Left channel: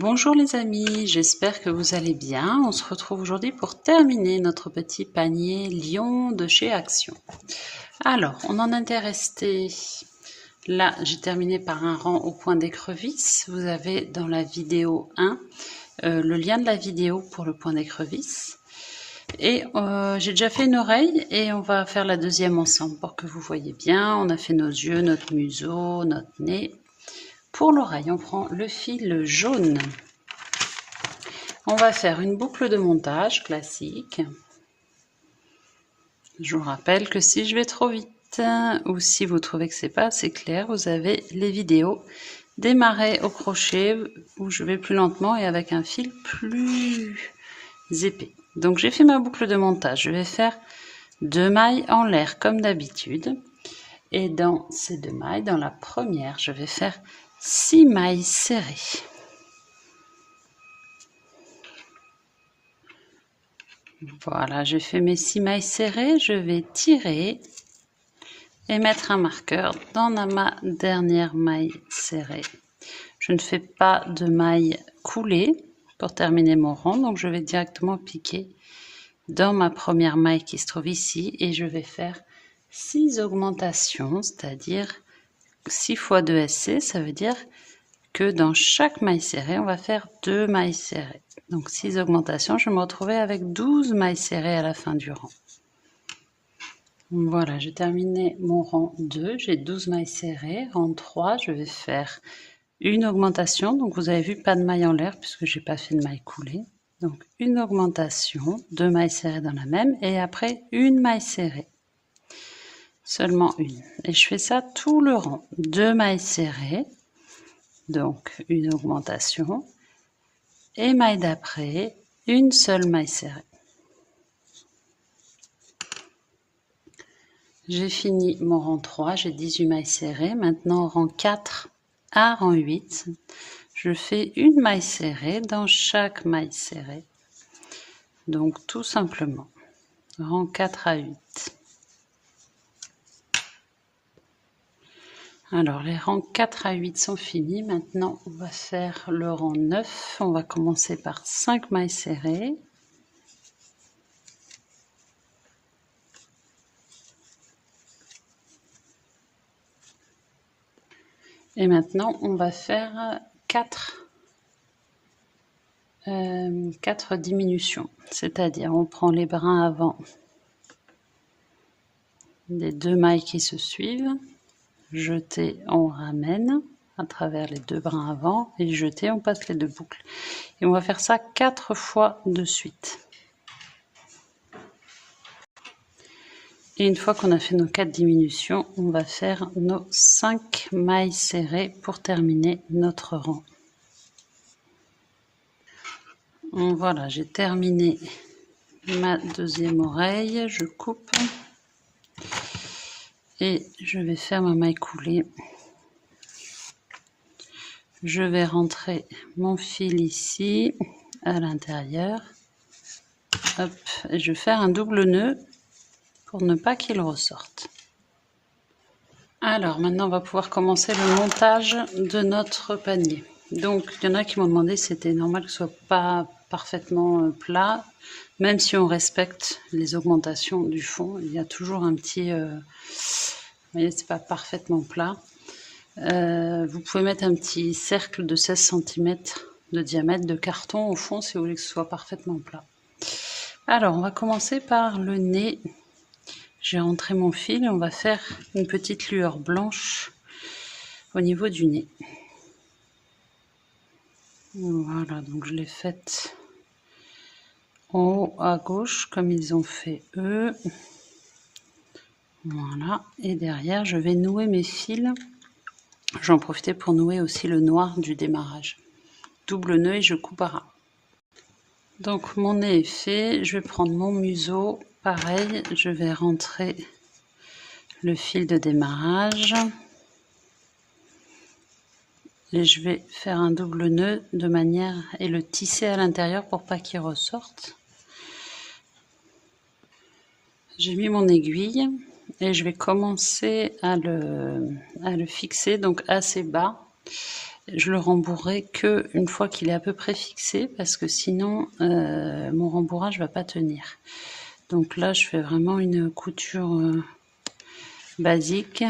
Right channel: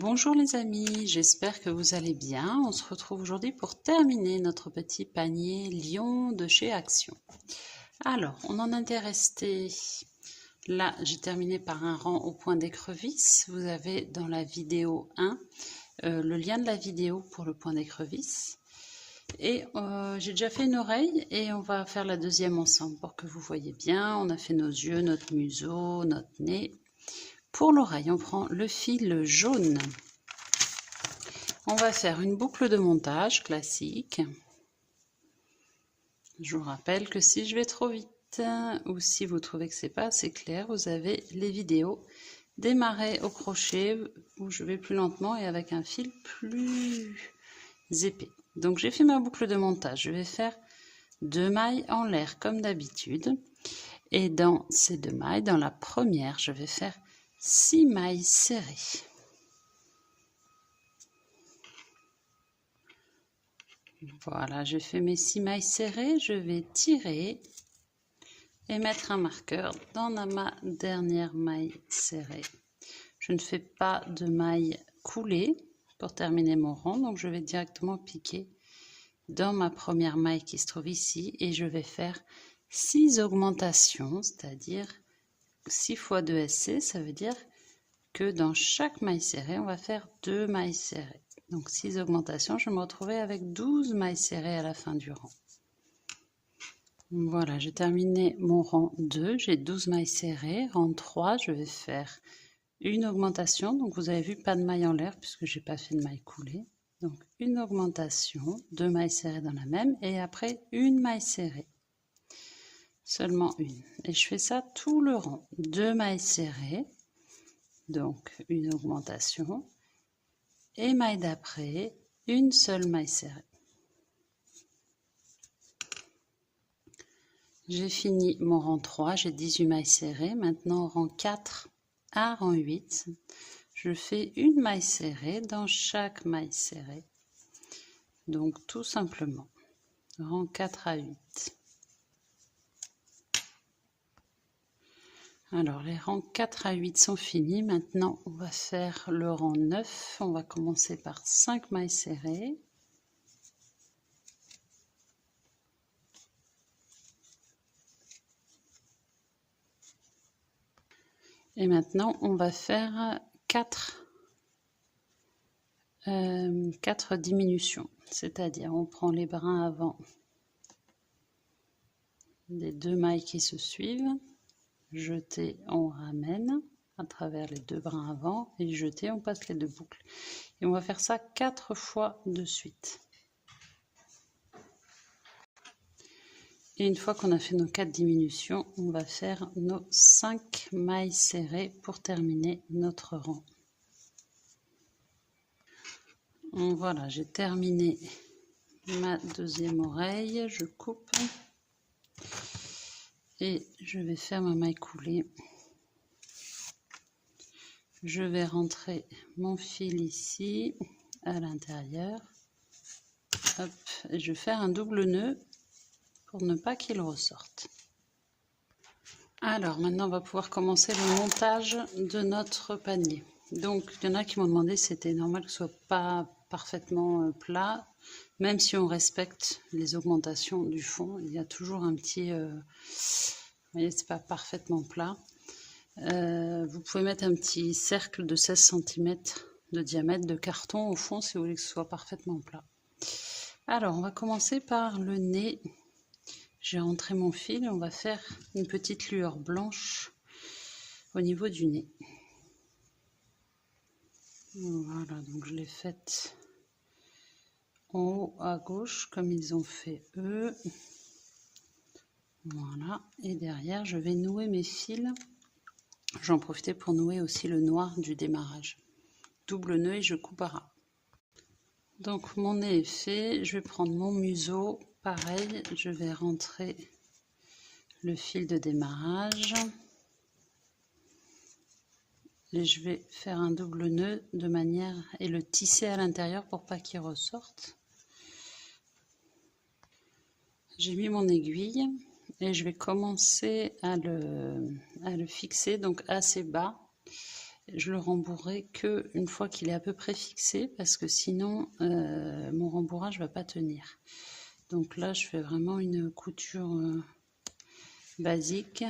Bonjour les amis, j'espère que vous allez bien. On se retrouve aujourd'hui pour terminer notre petit panier lion de chez Action. Alors, on en était resté là, j'ai terminé par un rang au point d'écrevisse. Vous avez dans la vidéo 1 le lien de la vidéo pour le point d'écrevisse. Et j'ai déjà fait une oreille et on va faire la deuxième ensemble pour que vous voyez bien. On a fait nos yeux, notre museau, notre nez. Pour l'oreille, on prend le fil jaune. On va faire une boucle de montage classique. Je vous rappelle que si je vais trop vite ou si vous trouvez que c'est pas assez clair, vous avez les vidéos démarrer au crochet où je vais plus lentement et avec un fil plus épais. Donc j'ai fait ma boucle de montage. Je vais faire 2 mailles en l'air comme d'habitude. Et dans ces 2 mailles, dans la première, je vais faire 6 mailles serrées. Voilà, j'ai fait mes 6 mailles serrées, je vais tirer et mettre un marqueur dans ma dernière maille serrée. Je ne fais pas de maille coulée pour terminer mon rang, donc je vais directement piquer dans ma première maille qui se trouve ici et je vais faire 6 augmentations, c'est-à-dire 6 fois 2 SC, ça veut dire que dans chaque maille serrée, on va faire 2 mailles serrées. Donc 6 augmentations, je vais me retrouver avec 12 mailles serrées à la fin du rang. Voilà, j'ai terminé mon rang 2, j'ai 12 mailles serrées. Rang 3, je vais faire une augmentation. Donc vous avez vu, pas de maille en l'air puisque j'ai pas fait de maille coulée. Donc une augmentation, 2 mailles serrées dans la même et après une maille serrée. Seulement une. Et je fais ça tout le rang. 2 mailles serrées, donc une augmentation. Et maille d'après, une seule maille serrée. J'ai fini mon rang 3, j'ai 18 mailles serrées. Maintenant, rang 4 à rang 8, je fais une maille serrée dans chaque maille serrée. Donc, tout simplement, rang 4 à 8. Alors, les rangs 4 à 8 sont finis. Maintenant, on va faire le rang 9. On va commencer par 5 mailles serrées. Et maintenant, on va faire 4 diminutions. C'est-à-dire, on prend les brins avant des 2 mailles qui se suivent. Jeter, on ramène à travers les 2 brins avant et jeter, on passe les 2 boucles. Et on va faire ça 4 fois de suite. Et une fois qu'on a fait nos 4 diminutions, on va faire nos 5 mailles serrées pour terminer notre rang. Voilà, j'ai terminé ma deuxième oreille, je coupe et je vais faire ma maille coulée. Je vais rentrer mon fil ici à l'intérieur. Hop, et je vais faire un double nœud pour ne pas qu'il ressorte. Alors maintenant on va pouvoir commencer le montage de notre panier. Donc il y en a qui m'ont demandé si c'était normal que ce soit pas parfaitement plat, même si on respecte les augmentations du fond, il y a toujours un petit, vous voyez, c'est pas parfaitement plat. Vous pouvez mettre un petit cercle de 16 cm de diamètre de carton au fond si vous voulez que ce soit parfaitement plat. Alors on va commencer par le nez. J'ai rentré mon fil et on va faire une petite lueur blanche au niveau du nez. Voilà, donc je l'ai faite en haut à gauche comme ils ont fait eux. Voilà, et derrière je vais nouer mes fils. J'en profitais pour nouer aussi le noir du démarrage. Double nœud et je coupe à ras. Donc mon nez est fait, je vais prendre mon museau, pareil, je vais rentrer le fil de démarrage et je vais faire un double nœud de manière et le tisser à l'intérieur pour pas qu'il ressorte. J'ai mis mon aiguille et je vais commencer à le fixer donc assez bas Je le rembourrerai que une fois qu'il est à peu près fixé, parce que sinon mon rembourrage va pas tenir. Donc là, je fais vraiment une couture basique.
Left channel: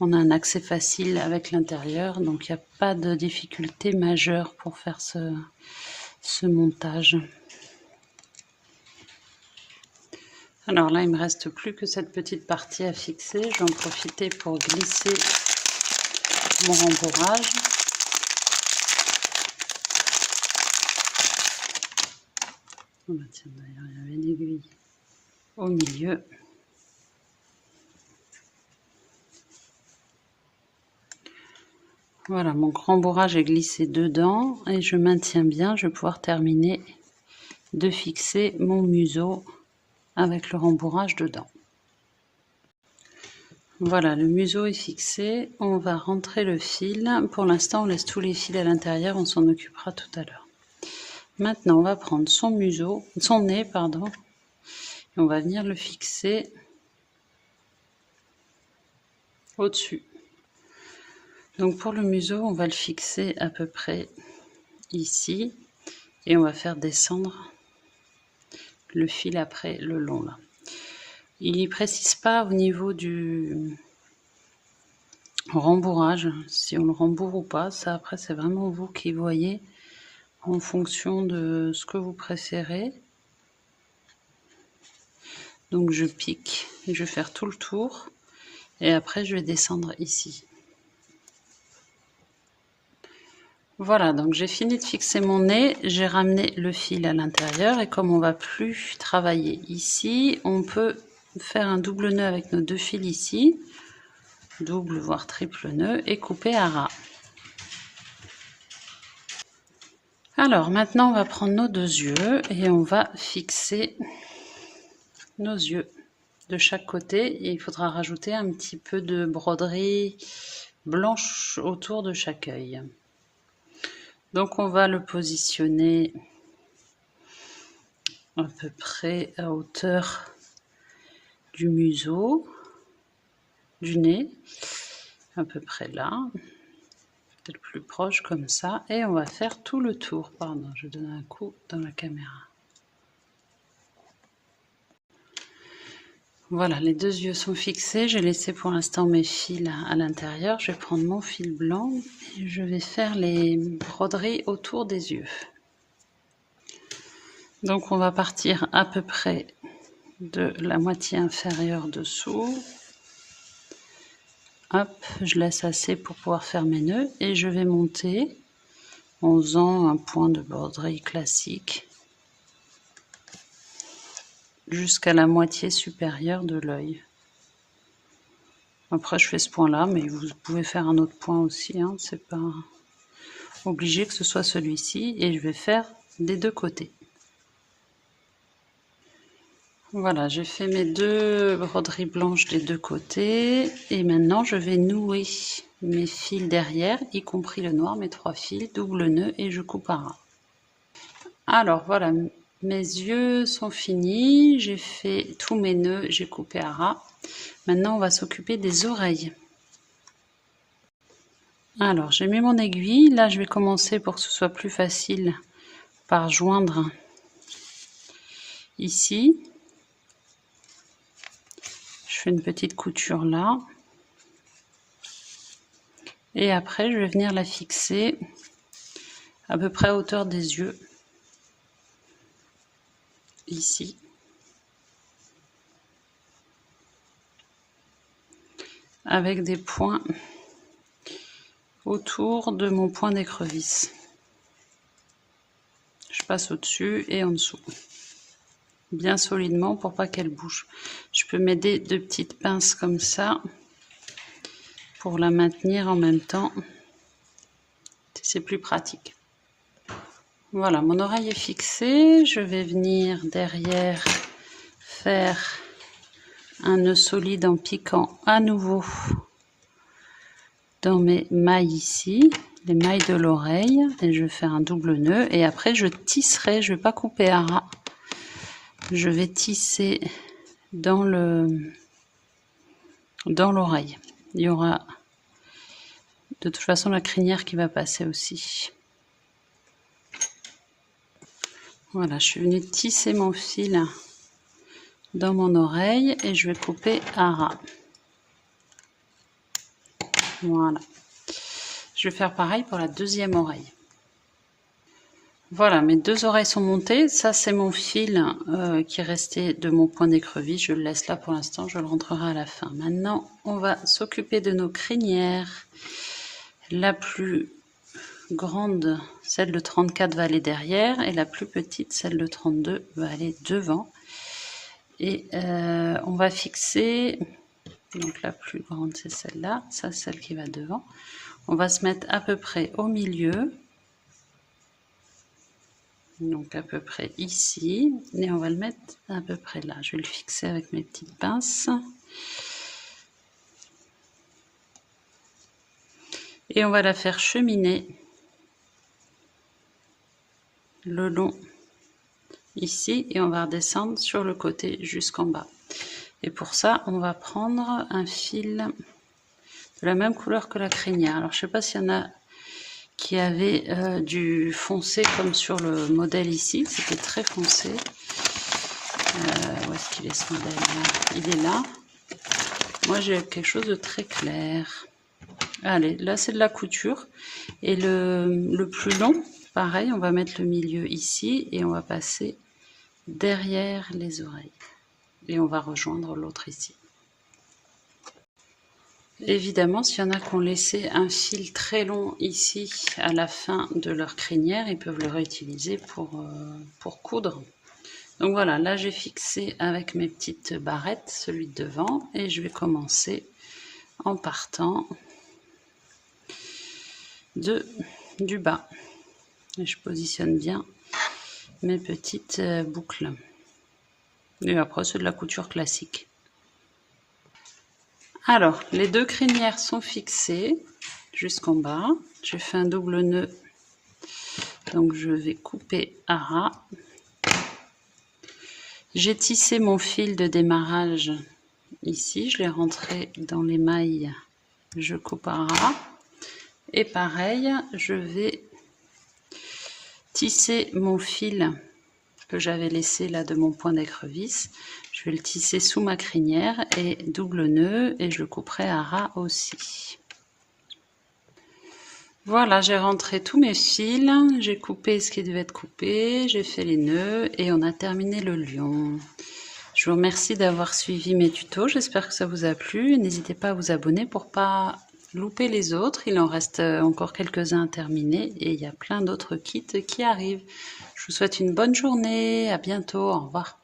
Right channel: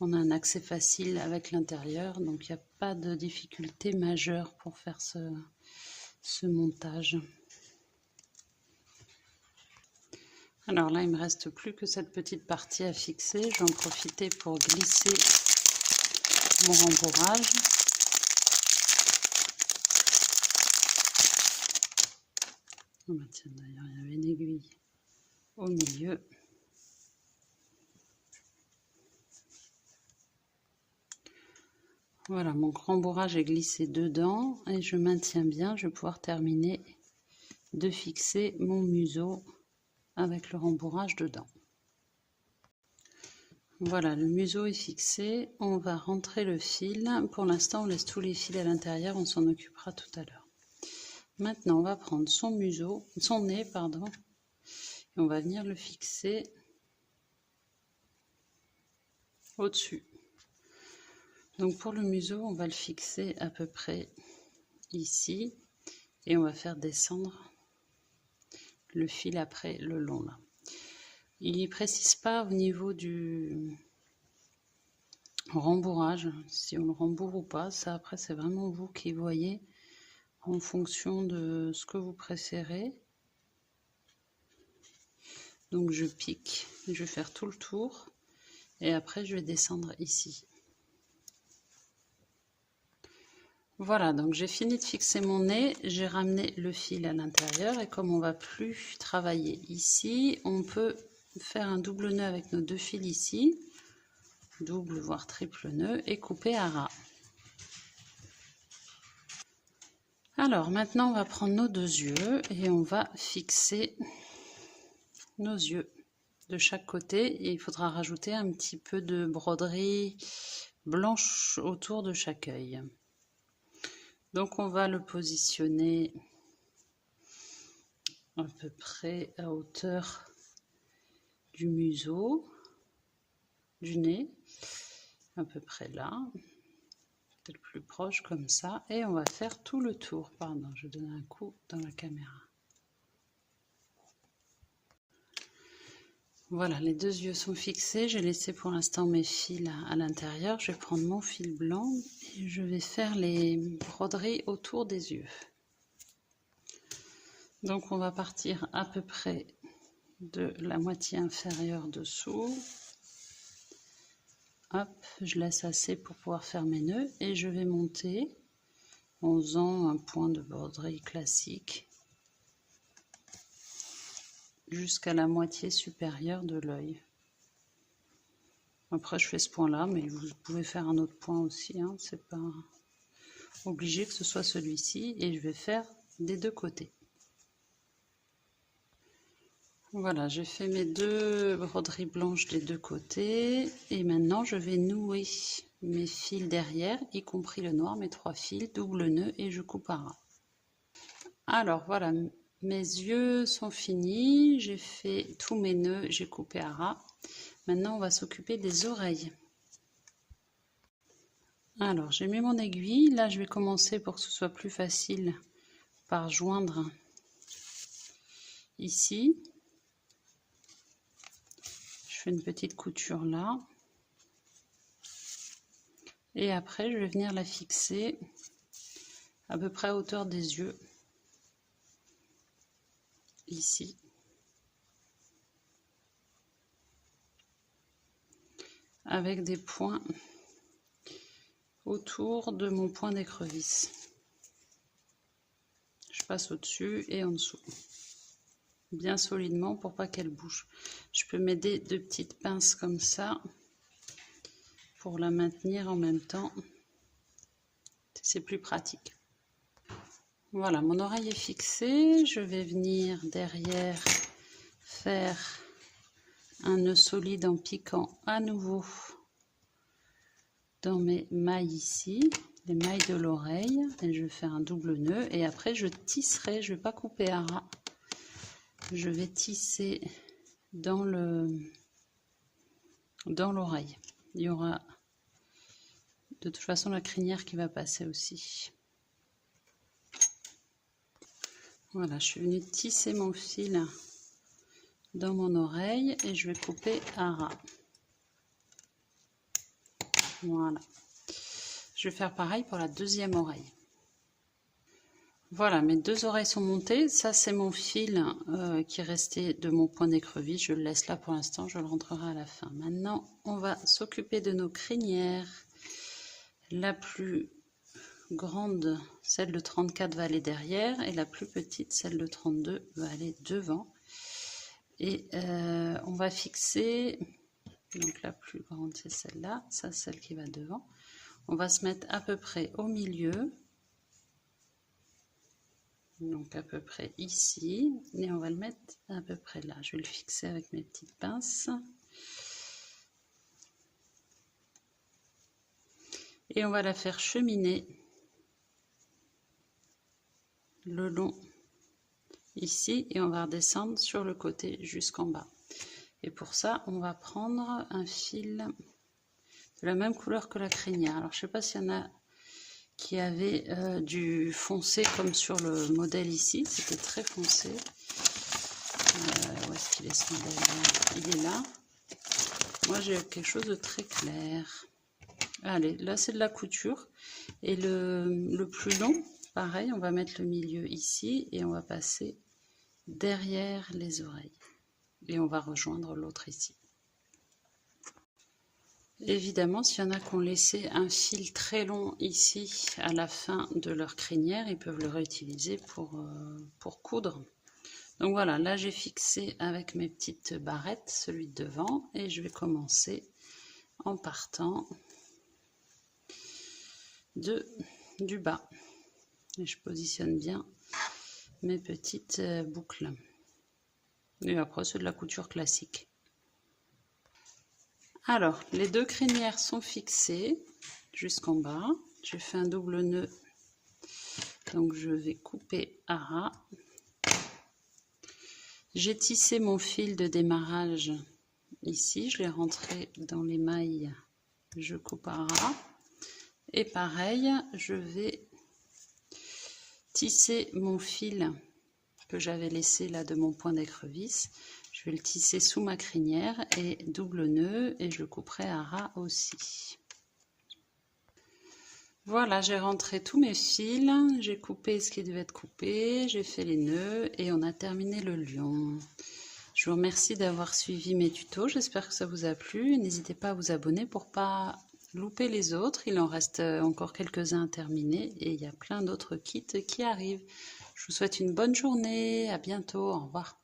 On a un accès facile avec l'intérieur, donc il n'y a pas de difficulté majeure pour faire ce montage. Alors là, il me reste plus que cette petite partie à fixer. Je vais en profiter pour glisser mon rembourrage. Oh bah tiens, d'ailleurs, il y avait une aiguille au milieu. Voilà, mon rembourrage est glissé dedans et je maintiens bien. Je vais pouvoir terminer de fixer mon museau avec le rembourrage dedans. Voilà, le museau est fixé. On va rentrer le fil. Pour l'instant, on laisse tous les fils à l'intérieur. On s'en occupera tout à l'heure. Maintenant, on va prendre son nez, pardon, et on va venir le fixer au-dessus. Donc pour le museau, on va le fixer à peu près ici et on va faire descendre le fil après le long là. Il ne précise pas au niveau du rembourrage, si on le rembourre ou pas. Ça après c'est vraiment vous qui voyez en fonction de ce que vous préférez. Donc je pique et je vais faire tout le tour et après je vais descendre ici. Voilà, donc j'ai fini de fixer mon nez, j'ai ramené le fil à l'intérieur et comme on va plus travailler ici, on peut faire un double nœud avec nos deux fils ici, double voire triple nœud et couper à ras. Alors maintenant on va prendre nos deux yeux et on va fixer nos yeux de chaque côté et il faudra rajouter un petit peu de broderie blanche autour de chaque œil. Donc on va le positionner à peu près à hauteur du museau, du nez, à peu près là, peut-être plus proche comme ça, et on va faire tout le tour. Pardon, je donne un coup dans la caméra. Voilà, les deux yeux sont fixés, j'ai laissé pour l'instant mes fils à l'intérieur, je vais prendre mon fil blanc et je vais faire les broderies autour des yeux. Donc on va partir à peu près de la moitié inférieure dessous. Hop, je laisse assez pour pouvoir faire mes nœuds et je vais monter en faisant un point de broderie classique jusqu'à la moitié supérieure de l'œil. Après je fais ce point là, mais vous pouvez faire un autre point aussi, hein, c'est pas obligé que ce soit celui-ci, et je vais faire des deux côtés. Voilà, j'ai fait mes deux broderies blanches des deux côtés et maintenant je vais nouer mes fils derrière, y compris le noir, mes trois fils, double nœud et je coupe à ras. Alors voilà, mes yeux sont finis, j'ai fait tous mes nœuds, j'ai coupé à ras. Maintenant on va s'occuper des oreilles. Alors j'ai mis mon aiguille, là je vais commencer pour que ce soit plus facile par joindre ici. Je fais une petite couture là. Et après je vais venir la fixer à peu près à hauteur des yeux. Ici. Avec des points autour de mon point d'écrevisse. Je passe au-dessus et en dessous. Bien solidement pour pas qu'elle bouge. Je peux m'aider de petites pinces comme ça pour la maintenir en même temps. C'est plus pratique. Voilà, mon oreille est fixée. Je vais venir derrière faire un nœud solide en piquant à nouveau dans mes mailles ici, les mailles de l'oreille, et je vais faire un double nœud et après je tisserai, je vais pas couper à ras, je vais tisser dans l'oreille. Il y aura de toute façon la crinière qui va passer aussi. Voilà, je suis venue tisser mon fil dans mon oreille et je vais couper à ras. Voilà. Je vais faire pareil pour la deuxième oreille. Voilà, mes deux oreilles sont montées. Ça, c'est mon fil qui est resté de mon point d'écrevisse. Je le laisse là pour l'instant, je le rentrerai à la fin. Maintenant, on va s'occuper de nos crinières. La plus grande, celle de 34, va aller derrière. Et la plus petite, celle de 32, va aller devant. Et on va fixer... Donc la plus grande, c'est celle-là. Ça, c'est celle qui va devant. On va se mettre à peu près au milieu. Donc à peu près ici, et on va le mettre à peu près là. Je vais le fixer avec mes petites pinces. Et on va la faire cheminer le long ici, et on va redescendre sur le côté jusqu'en bas. Et pour ça, on va prendre un fil de la même couleur que la crinière. Alors je ne sais pas s'il y en a qui avait du foncé comme sur le modèle ici, c'était très foncé. Où est-ce qu'il est ce modèle là? Il est là. Moi j'ai quelque chose de très clair. Allez, là c'est de la couture. Et le plus long, pareil, on va mettre le milieu ici et on va passer derrière les oreilles. Et on va rejoindre l'autre ici. Évidemment, s'il y en a qui ont laissé un fil très long ici à la fin de leur crinière, ils peuvent le réutiliser pour coudre. Donc voilà, là j'ai fixé avec mes petites barrettes celui de devant et je vais commencer en partant du bas. Et je positionne bien mes petites boucles. Et après c'est de la couture classique. Alors, les deux crinières sont fixées jusqu'en bas. J'ai fait un double nœud, donc je vais couper à ras. J'ai tissé mon fil de démarrage ici, je l'ai rentré dans les mailles, je coupe à ras. Et pareil, je vais tisser mon fil que j'avais laissé là de mon point d'écrevisse. Je vais le tisser sous ma crinière et double nœud et je le couperai à ras aussi. Voilà, j'ai rentré tous mes fils, j'ai coupé ce qui devait être coupé, j'ai fait les nœuds et on a terminé le lion. Je vous remercie d'avoir suivi mes tutos, j'espère que ça vous a plu. N'hésitez pas à vous abonner pour pas louper les autres, il en reste encore quelques-uns à terminer et il y a plein d'autres kits qui arrivent. Je vous souhaite une bonne journée, à bientôt, au revoir.